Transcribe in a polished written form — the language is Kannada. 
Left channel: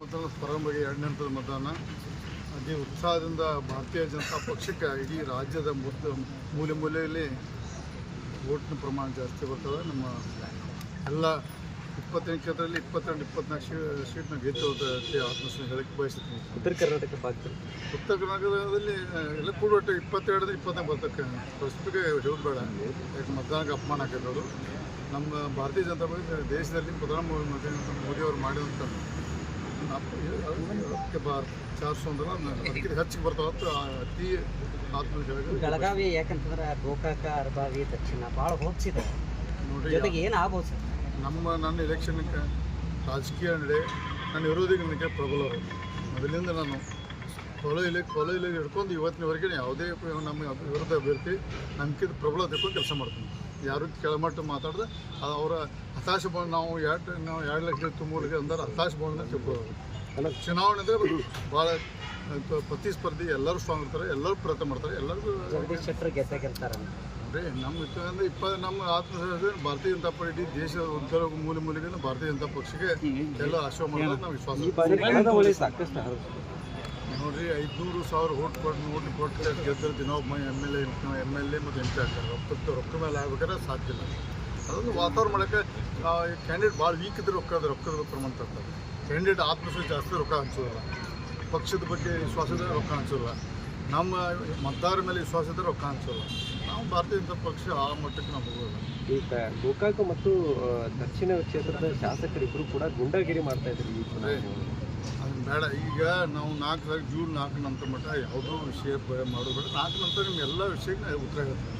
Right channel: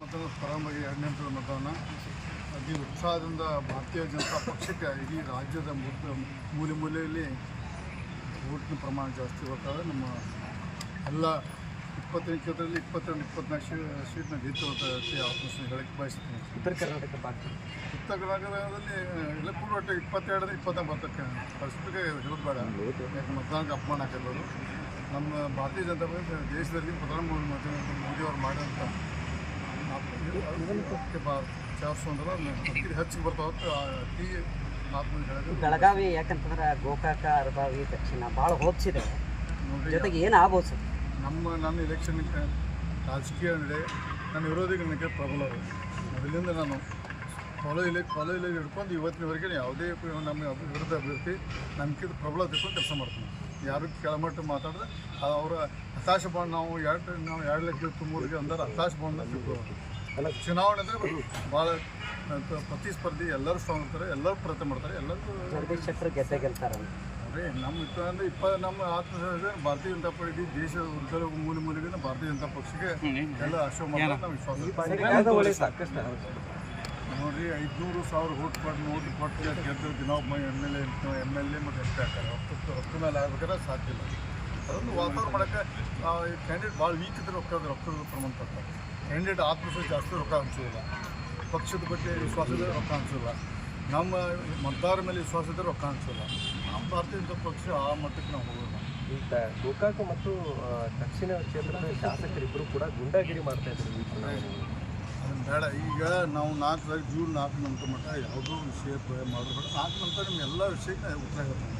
ಮತದಾನ ಪ್ರಾರಂಭವಾಗಿ 2ನೇ ಹಂತದ ಮತದಾನ ಅತಿ ಉತ್ಸಾಹದಿಂದ ಭಾರತೀಯ ಜನತಾ ಪಕ್ಷಕ್ಕೆ ಇಡೀ ರಾಜ್ಯದ ಮೂಲೆ ಮೂಲೆಯಲ್ಲಿ ವೋಟ್ನ ಪ್ರಮಾಣ ಜಾಸ್ತಿ ಬರ್ತದೆ. ನಮ್ಮ ಎಲ್ಲ 28 ಕ್ಷೇತ್ರದಲ್ಲಿ 22-24 ಸೀಟ್ನ ಗೆದ್ದು ಆತ್ಮಸ್ಥೆ ಹೇಳಕ್ಕೆ ಬಯಸುತ್ತೀನಿ. ಉತ್ತರ ಕರ್ನಾಟಕ ಭಾಗದಲ್ಲಿ ಎಲ್ಲ ಕೂಡ ಒಟ್ಟು 22-24 ಬರ್ತಕ್ಕೆ ಪರಿಸ್ಥಿತಿಗೆ ಹೇಳೋದು ಬೇಡ. ಯಾಕೆ ಮತದಾನಕ್ಕೆ ಅಪಮಾನ ಹಾಕಿದವರು ನಮ್ಮ ಭಾರತೀಯ ಜನತಾ ಪಕ್ಷ ದೇಶದಲ್ಲಿ ಪ್ರಧಾನಮಂತ್ರಿ ಮೋದಿಯವರು ಮಾಡಿದಂಥ ಅದಕ್ಕೆ 400 ಅಂದ್ರೆ ಅದಕ್ಕೆ ಹೆಚ್ಚಿಗೆ ಬರ್ತಾವೆ ಅತಿ ಆತ್ಮವಿಶ್ವಾಸ. ಬೆಳಗಾವಿ ಯಾಕಂತಂದ್ರೆ ಗೋಕಾಕ ಅರಬಾವಿ ದಕ್ಷಿಣ ಭಾಳ ಹೋಪ್ಸಿದೆ ನೋಡಿರಿ. ಜೊತೆಗೆ ಏನು ಆಗ್ಬೋದು ಸರ್? ನನ್ನ ಎಲೆಕ್ಷನ್ ರಾಜಕೀಯ ನಡೆ ನನ್ನ ವಿರೋಧಿಗಳಿಗೆ ಪ್ರಬಲರು ಮೊದಲಿಂದ ನಾನು ಕಾಲೇಜಲ್ಲಿ ಹಿಡ್ಕೊಂಡು ಇವತ್ತಿನವರೆಗೆ ಯಾವುದೇ ನಮ್ಮ ವಿರುದ್ಧ ಅಭ್ಯರ್ಥಿ ನಂಬಿಕೆ ಪ್ರಬಲ ತಿಳ್ಕೊಂಡು ಕೆಲಸ ಮಾಡ್ತೀನಿ. ಯಾರು ಕೆಳಮಟ್ಟ ಮಾತಾಡಿದ್ರೆ ಅವರ ಹತಾಶ ಭಾವನೆ ನಾವು 2 ಲಕ್ಷ ಮೂಲಕ ಅಂದ್ರೆ ಹತಾಶ ಭಾವನೆ ತಿಳ್ಕೊಳ್ಳೋದು. ಚುನಾವಣೆ ಅಂದರೆ ಭಾಳ ಪ್ರತಿಸ್ಪರ್ಧಿ ಎಲ್ಲರೂ ಸ್ಟ್ರಾಂಗ್ ಇರ್ತಾರೆ, ಎಲ್ಲರೂ ಪ್ರಯತ್ನ ಮಾಡ್ತಾರೆ, ಎಲ್ಲರಿಗೂ ಜಗದೀಶ್ ಶೆಟ್ಟರ್ ಗೆಲ್ತಾರೆ ಅಂದರೆ ನಮ್ಮ ಆತ್ಮವಿಶ್ವಾಸ ಭಾರತೀಯ ಜನತಾ ಪಾರ್ಟಿ ಇಡೀ ದೇಶದ ಉತ್ತರ ಮೂಲೆಗೆ ಭಾರತೀಯ ಜನತಾ ಪಕ್ಷಕ್ಕೆ ಎಲ್ಲ ಆಶ್ರಯ ಮಾಡೋದು ನಾವು ವಿಶ್ವಾಸ. ನೋಡಿರಿ, 500,000 ಓಟ್ ಕೊಟ್ಟು ಗೆದ್ದರೆ ದಿನೊಬ್ಬ MLA ಮತ್ತು MP ಹಾಕ್ತಾರೆ. ರೊಕ್ಕ ಮೇಲೆ ಆಗ್ಬೇಕಾದ್ರೆ ಸಾಧ್ಯ ಇಲ್ಲ. ಅದೊಂದು ವಾತಾವರಣ ಮಾಡೋಕ್ಕೆ ಕ್ಯಾಂಡಿಡೇಟ್ ಭಾಳ ವೀಕ್ ಇದ್ದರೆ ರೊಕ್ಕದ ಪ್ರಮಾಣ ತರ್ತಾರೆ. ಕ್ಯಾಂಡಿಡೇಟ್ ಆತ್ಮವಿಶ್ವಾಸ ಜಾಸ್ತಿ ರೊಕ್ಕ ಹಂಚೋದಿಲ್ಲ, ಪಕ್ಷದ ಬಗ್ಗೆ ವಿಶ್ವಾಸ ಇದ್ದರೆ ರೊಕ್ಕ ಹಂಚೋಲ್ಲ, ನಮ್ಮ ಮತದಾರರ ಮೇಲೆ ವಿಶ್ವಾಸ ಇದ್ದರೆ ರೊಕ್ಕ ಹಂಚೋಲ್ಲ. ನಾವು ಭಾರತೀಯ ಜನತಾ ಪಕ್ಷ ಆ ಮಟ್ಟಕ್ಕೆ ನಾವು ಹೋಗೋದು. ಈಗ ಗೋಕಾಕ ಮತ್ತು ದಕ್ಷಿಣ ಕ್ಷೇತ್ರದ ಶಾಸಕರಿಬ್ಬರು ಕೂಡ ಗುಂಡಾಗಿರಿ ಮಾಡ್ತಾ ಇದ್ರು. ಅದನ್ನು ಬೇಡ. ಈಗ ನಾವು ಜೂನ್ 4 ನಂತರ ಮಟ್ಟ ಯಾವುದೋ ವಿಷಯ ಮಾಡೋದು ಬೇಡ. 4 ನಂತರ ನಿಮ್ಮ ಎಲ್ಲ ವಿಷಯಕ್ಕೆ ಉತ್ತರ ಹೇಳ್ತೀವಿ.